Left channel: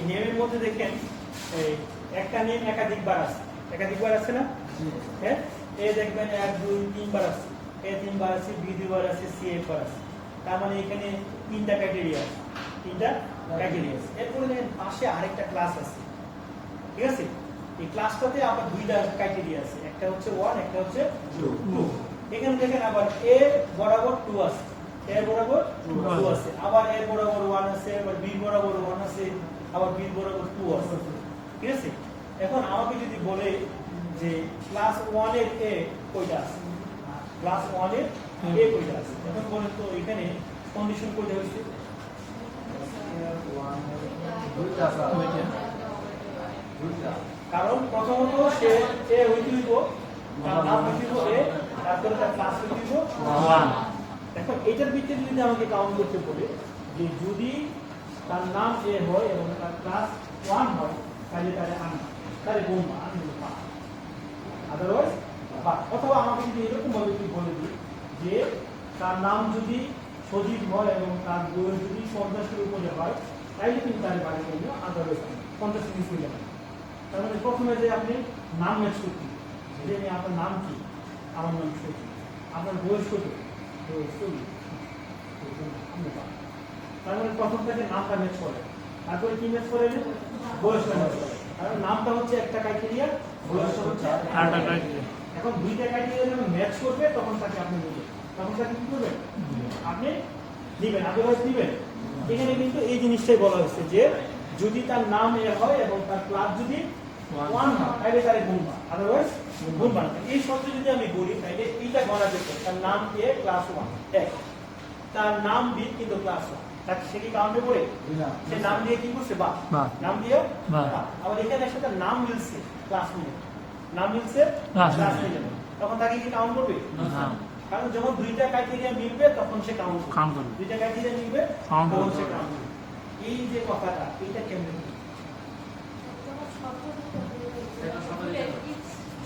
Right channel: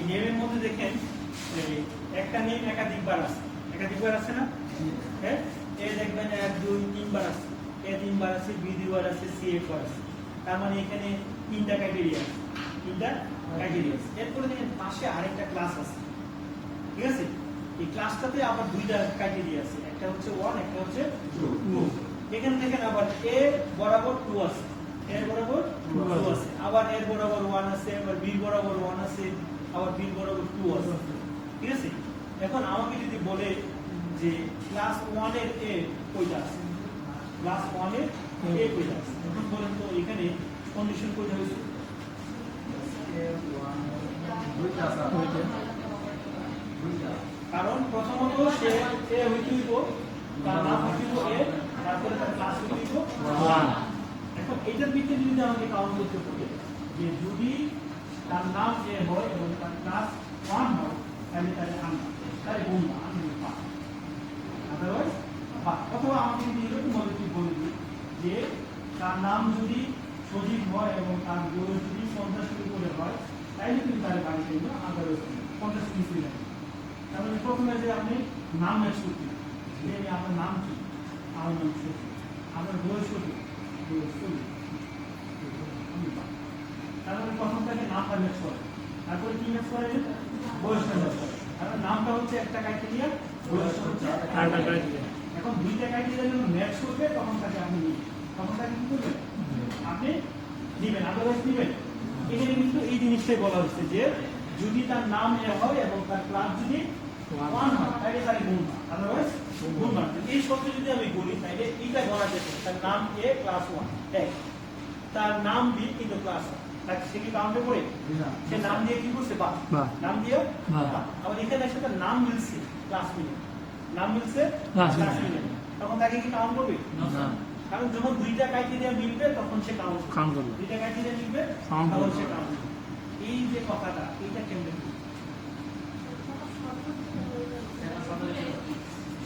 এই নেমের মধ্যে দেখেন একটা নেম একাধিকবার আছে না? হ্যাঁ, এ দেখবেন 1 2 3 বার আছে, এ 3 বার আছে, বি 2 বার আছে, সি 1 বার আছে। তার মানে এখানে তিনটা ক্রাইটেরিয়া আছে, এরপরে দেখেন পাশে আরেকটা ক্লাস আছে, ঠিক আছে? এই ক্লাসটাতে আবার দুইটা ক্রাইটেরিয়া আছে, একটা হচ্ছে 1, একটা হচ্ছে 2। এখানে দেখেন আবার এ বরাবর 2 আছে, এর বরাবর 2 আছে, আবার এর বরাবর 1 আছে, আবার বি বরাবর 1 আছে, আবার বি বরাবর 2 আছে, ঠিক আছে? এখন আমাকে যদি বলে যে ক্লাস 1 এর এ কয়টা আছে, ক্লাস 1 এর এ কয়টা আছে, এখন বলেন তো এখানে কন্ডিশন কয়টা হয়েছে? কারণ প্রথমত সে এ হইতে হইব, তার নাম হইতে হইব এ, তারপরে তার ক্লাস হইতে হইব 1। এখন এটার ভিত্তিতে যদি আমাকে কাউন্ট করতে বলে যে যদি তার নাম এ হয় এবং তার ক্লাস 1 হয়, তাহলে তাহলে গুণ না, আদারওয়াইজ বা অথবা আমাকে যদি এরকম ভাবে কি বলে দিই যে তার নাম যদি সজীব হয় এবং তার বয়স যদি 50-এর উপরে হয়, তাইলে কিন্তু তার বাড়ি করবে, আদারওয়াইজ 50 দিলেন। তার মানে প্রথমে যে আপনি নাম ম্যাচ করতে, যে আপনার নাম কি, আমার নাম সজীব, আপনার বয়স কত, বয়স 40। তার মানে প্রথম থেকে নামটা ম্যাচ করে, তারপরে কি ম্যাচ করে, বয়সটা ম্যাচ করে। কারণ নামটা হচ্ছে একটা ক্রাইটেরিয়া, বয়সটা হচ্ছে আরেকটা ক্রাইটেরিয়া। এখন দুইটা ক্রাইটেরিয়া যখন ম্যাচ করবে তখন তাকে আপনি নেবেন, তখন তাকে কি করবেন, আপনি দিবেন, আদারওয়াইজ দিবেন। এখানে কিন্তু এই জিনিসটাই বলা হচ্ছে যে যদি তার নাম এ হয় এবং তার ক্লাস যদি 1 হয়, তাহলে তার গুণ হয়, আদারওয়াইজ গুণ হয়। এই শব্দ যদি আমি বলি তাহলে এইটা বলা যেত তার নাম এ ক্লাস 1 এক, তার নাম বি কিন্তু ক্লাস 1, তাকে সেটি কাউন্টে করে সে নাম দিয়ে কি করছে, বা নাম দিয়ে আবার এখানে এসে তার নাম মিলছে, ক্লাস মিলে, নাম মিলছে, ক্লাস মিলে, তখন তাকে কি কাউন্ট করবে না। কারণ যখন দুইটা ক্রাইটেরিয়া মিলবে তখন সে কাউন্ট করবে, দুইটা ক্রাইটেরিয়া মিলবে তখন সে কাউন্ট করবে। এই যে কথাটা, এইটা কেমন,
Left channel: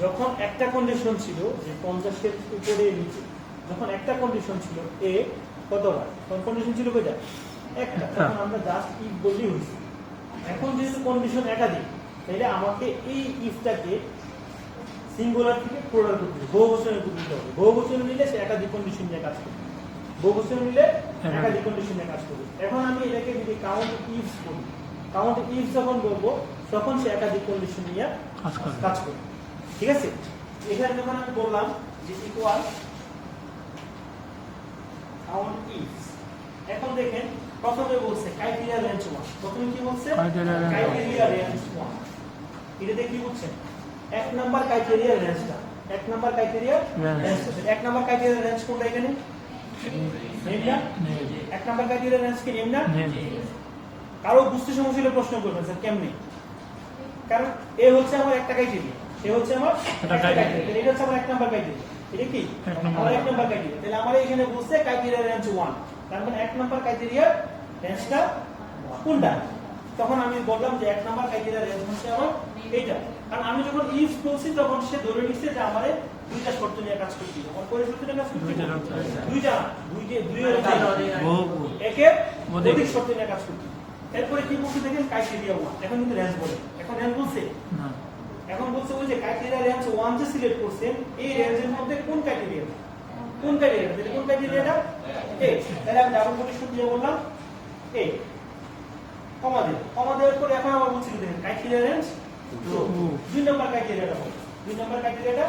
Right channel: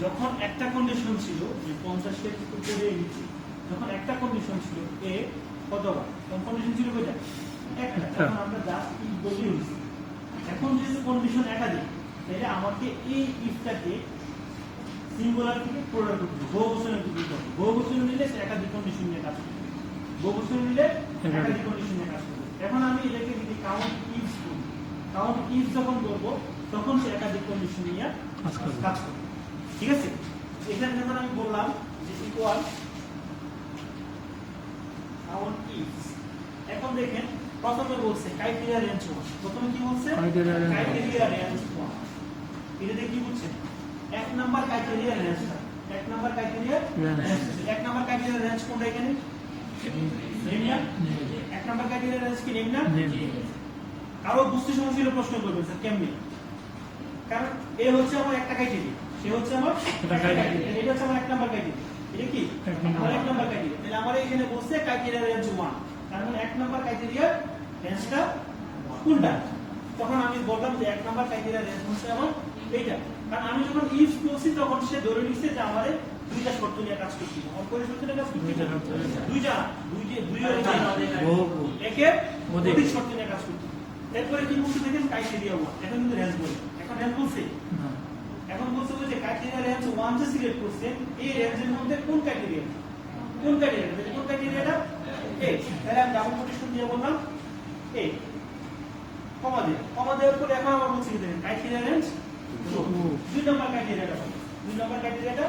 যখন একটা কন্ডিশন ছিল যে 50-এর উপরে নিচে, যখন একটা কন্ডিশন ছিল এ কতবার, তখন কন্ডিশন ছিল কয়টা, একটা, তখন আমরা জাস্ট ইফ বলি হয়েছে। এখন যেহেতু কন্ডিশন একাধিক, তাইলে আমাকে এই ইফটাকে সিঙ্গুলার থেকে প্লুরাল করতে হবে, বহুবচনে করতে হবে। বহুবচন নিলে সে একাধিক কন্ডিশন নিয়ে কাজ করবে, বহুবচন নিলে একাধিক কন্ডিশন নিয়ে কাজ করবে। এখন আমি এটাকে যদি কাউন্ট ইফস বলি, কাউন্ট ইফ যখন বলবো তখন সে একাধিক কন্ডিশন নিয়ে কাজ করবে, ঠিক আছে? এখানে যখন আমি বললাম যে ইকুয়াল কাউন্ট ইফস, এখন দেখেন প্রথমে বলছে ক্রাইটেরিয়া রেঞ্জ 1, প্রথমে কি বলছে, ক্রাইটেরিয়া রেঞ্জ 1, এটাতে কি বলছে, এক নাম্বার ক্রাইটেরিয়া রেঞ্জটা, এক নাম্বার ক্রাইটেরিয়া রেঞ্জ, এক নাম্বার ক্রাইটেরিয়া রেঞ্জ কোনটা এখানে, নেম না, এক নাম্বার ক্রাইটেরিয়া রেঞ্জ কি নেম না? কারো বুঝতে সমস্যা হলে প্রশ্ন করবেন স্যার কেমনে, কারণ এ হচ্ছে আমার একটা ক্রাইটেরিয়া, সে হচ্ছে আমার একটা ক্রাইটেরিয়া, এটা হচ্ছে আমার এক নাম্বার ক্রাইটেরিয়া, এটা কি আমার এক নাম্বার ক্রাইটেরিয়া। তাহলে আমার এখানে বলছে ক্রাইটেরিয়া রেঞ্জ 1, তার মানে এক নাম্বার ক্রাইটেরিয়া রেঞ্জটা কোনটা, তখন আমি বললাম যে এক নাম্বার ক্রাইটেরিয়া রেঞ্জ হচ্ছে আমার এইটা। কারণ আমি যখন ইফ বলছি তখন সে ধরে নিচ্ছে যে আমাদের দুইটা শর্ত নিয়ে কাজ করতে হবে, অপরের শর্ত নিয়ে কাজ করতে একের অধিক শর্ত নিয়ে কাজ করতে। এরপরে কি বলছে দেখেন ক্রাইটেরিয়া 1, এখন কিন্তু রেঞ্জ বলে, এখন রেঞ্জ বলছে, এখন বলছে ওই যে ক্রাইটেরিয়া রেঞ্জ 1 যে সিলেক্ট করছে, এই রেঞ্জের মধ্যে কোন ক্রাইটেরিয়া, কোন ক্রাইটেরিয়াটা এ, তাহলে আমি ডাবল কোটেশন দিয়ে বললাম এ, কমা দেওয়ার পরে এখন আবার বলছি দেখেন ক্রাইটেরিয়া রেঞ্জ 2 নম্বর ক্রাইটেরিয়াটা বলে, 2 নম্বর ক্রাইটেরিয়াটা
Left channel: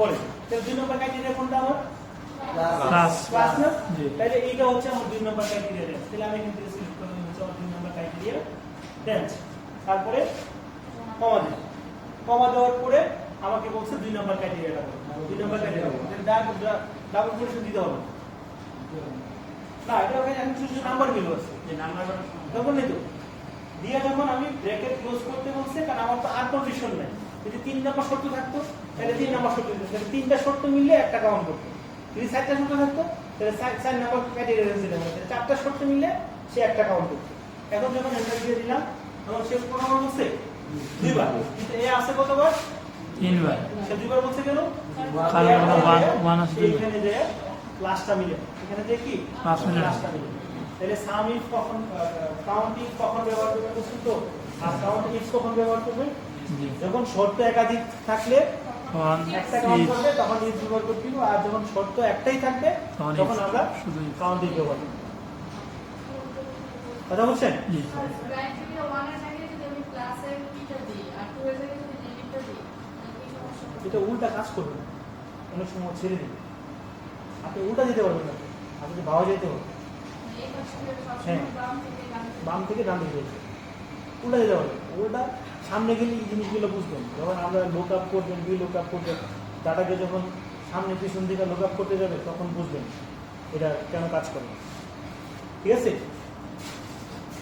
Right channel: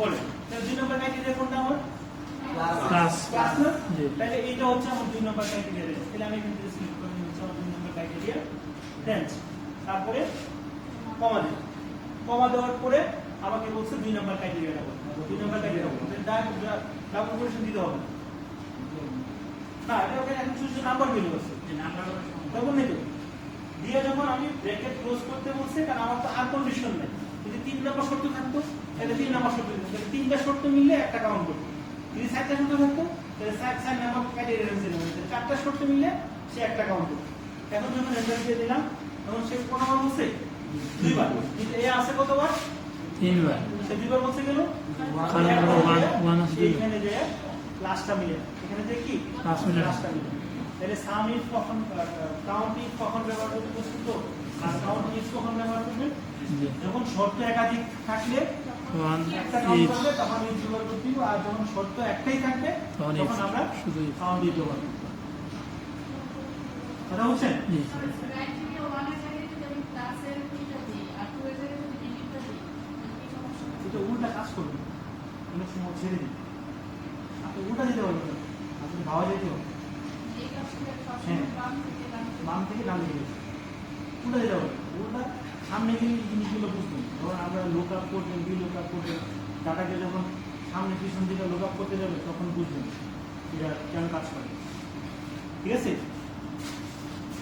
বলে, তাহলে 2 নম্বর ক্রাইটেরিয়া কোনটা আমার, ক্লাস না, তাহলে এইটা হচ্ছে আমার 2 নম্বর ক্রাইটেরিয়া রেঞ্জ। তাহলে আমি এখান থেকে সিলেক্ট করে নিচ্ছি 2 নম্বর ক্রাইটেরিয়া রেঞ্জ, তারপরে কমা দেওয়ার পরে আমাকে বলছে 2 নম্বর ক্রাইটেরিয়াটা বলে, 2 নম্বর ক্রাইটেরিয়া ডাবল কোটেশন দিতে হবে না, এটা ওখানে এখন শুধু নাম্বার দিল আছে, যে নাম্বার তখন নেই তো দিয়ে যখন আমি ব্র্যাকেট ক্লোজ করতে বলছে, কারণ আমার তো আর কন্ডিশন নেই, যদি 3 নম্বর শর্ত থাকতো তাহলে 3 নম্বর শর্ত, তাহলে 3টা শর্ত মিললে একটা কাউন্ট করতো, যদি 4টা শর্ত থাকতো তাহলে 4 নম্বর ক্রাইটেরিয়া রেঞ্জ দিলাম, 4টা শর্ত মিললে সে একটা কাউন্ট করতো। এখন যখন এন্টার দিয়ে দিলাম তখন সে কতবার বলছে, 2 বার, কিন্তু এ আছে কতবার, 3 বার, সে 2 বার বলছে কেন, কারণ 1 আছে, এখানে যে ক্লাসটা মিলে, এখানে যে কি ক্লাসটা মিলে, তাহলে সাম ইফ কখন, কাউন্ট ইফ কখন ব্যবহার করতে, তো কখন ব্যবহার করবে? জি যখন শর্ত একাধিক থাকলে তখন একটা কাউন্ট ইজ করবে তখন ইজ ব্যবহার করতে হবে, আর যখন শর্ত একটাই থাকবে তখন তখন ইজ আমরা শুধু ইজ কাউন্ট দিয়ে ব্যবহার করব। কথা বলছেন? জি এটা উল্টা কাজ করবে, কোনো সময় ছেড়ে দিবে। আপনি উল্টা দিতে পারবেন না, আপনি ভাবা যেতে হবে বাম থেকে ডান দিকে উল্টা দিতে পারবেন। উল্টা সামনে গেলে এই জিনিসগুলো বুঝবেন। যখন আমরা লোক আপ করবেন, লোক আপ করবেন, ডাটাকে যখন সামনে পিছন দিকে লোক আপ করতে যাবে তখন বুঝবেন এটা কেন কাজ করে। ঠিক আছে?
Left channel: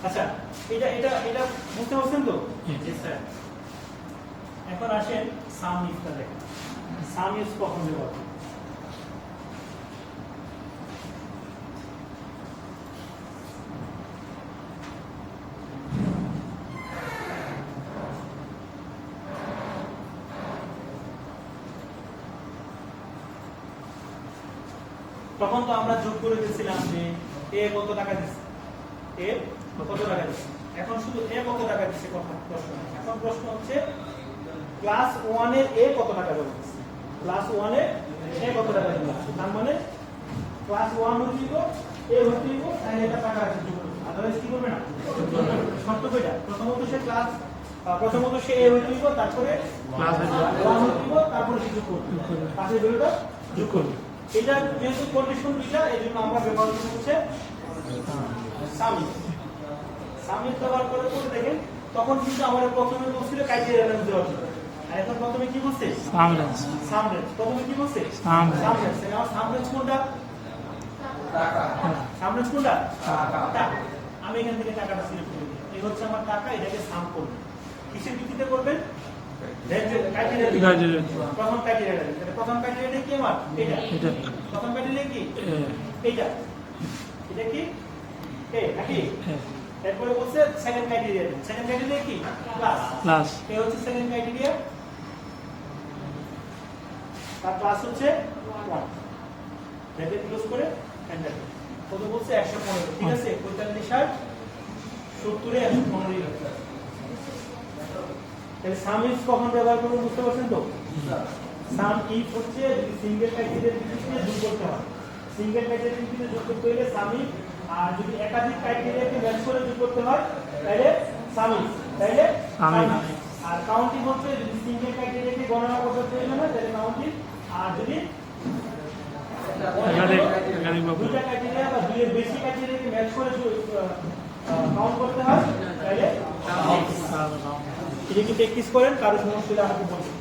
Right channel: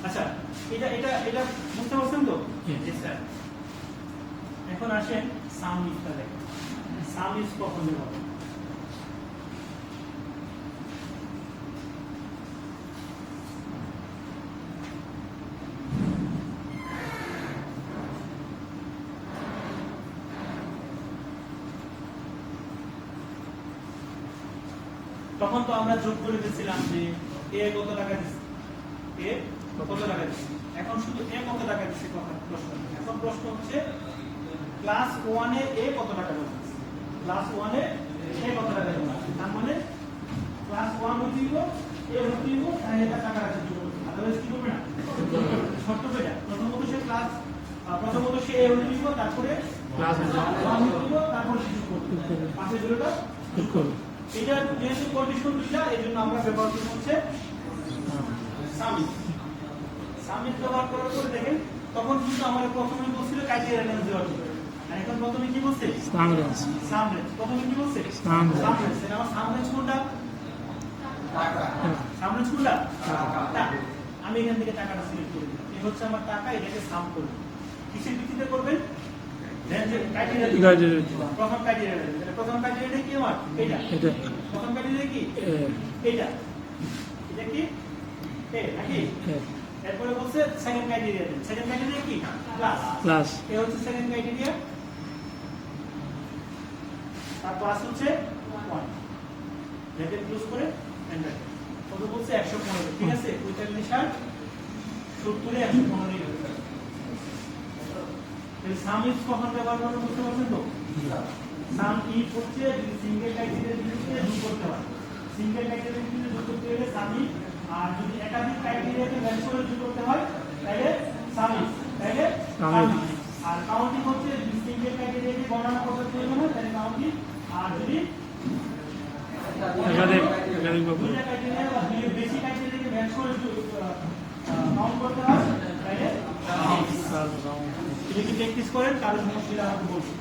আচ্ছা, এটা এটা এটা বুঝতে পারছেন তো? জি স্যার। এখন আসেন সাম ইফটা দেখেন। সাম ইজ কখন ব্যবহার হয়? তখন তো আমরা যোগ করে দিয়েছিলাম যে এ কত টাকা দিচ্ছে, এ কত টাকা দিচ্ছে। এখন শুধু এ কত টাকা দিচ্ছে কথা প্রশ্ন। এখন প্রশ্ন হচ্ছে ক্লাস 1 এর এ কত টাকা বলছে। ক্লাস 1 এর এ কত টাকা দিচ্ছে, তার মানে ক্লাস 1 হচ্ছে এ হচ্ছে তাহলে এটা টাকা আছে, আদারওয়াইজ কি করবে না। শর্ত কয়টা? প্রথমত সে এ হচ্ছে তারপরে ক্লাস 1 হচ্ছে তারপরে কিছু করবে, বাকি দুটোটা যোগ করবে। এটা যেহেতু কন্ডিশন দুইটা, এই জন্য আমরা ব্যবহার করতে হচ্ছে সামিট। সামিট ব্যবহার করে দেখেন তখন কিন্তু আমরা প্রথমে বলছিল ক্রাইটেরিয়া রেঞ্জ দেওয়ার জন্য, আর এখন প্রথমে কি বলছে সামরেন্স সামরেঞ্জ। প্রথমে কি বলছে সামরেঞ্জ সামরেঞ্জ। আমার সামরেঞ্জ কোনটা? সামরেঞ্জ কোনটা? টাকা। আমি এখান থেকে টাকাটা সিলেক্ট করি, এই হচ্ছে আমার টাকা, এটাকে সাম করব। কিসের ভিত্তিতে করবেন? প্রথম ক্রাইটেরিয়া। প্রথম ক্রাইটেরিয়া কি আমার? এটা। প্রথম ক্রাইটেরিয়া কি? এটা। এটা কি? এ নাকি? এরপরে বলছে সেকেন্ড ক্রাইটেরিয়া। সেকেন্ড ক্রাইটেরিয়া কি? ক্লাস। এই হচ্ছে সেকেন্ড ক্রাইটেরিয়া। আর ক্লাস হচ্ছে 1। যাতে ক্লোজ করে এন্টার। কত বলছে? 115। ঠিক আছে? 45 60 70 এ 115 এর সাম ইজ কখন ব্যবহার করে বুঝতে পারছেন তো? সাম ইফ হচ্ছে সিঙ্গেল ক্রাইটেরিয়া ভিত্তিতে যোগ করতে হয়। সিঙ্গেল ক্রাইটেরিয়া ভিত্তিতে যোগ করতে হলে সাম ইফ, আর যদি একাধিক ক্রাইটেরিয়াকে ম্যাচ করে যোগ করতে হয় তাহলে সাম ইফ, তাহলে আর কাউন্টিং হচ্ছে যদি সিঙ্গেল ক্রাইটেরিয়াকে গণনা করতে হয় না তাহলে কাউন্টিং, আর যদি একাধিক দুইটা ক্রাইটেরিয়া বা দুইয়ের বেশি ক্রাইটেরিয়াকে ম্যাচ করে কাউন্ট করতে হয় তাহলে এটা কি প্র্যাকটিস করেন, কারো সমস্যা আমাকে বলবেন।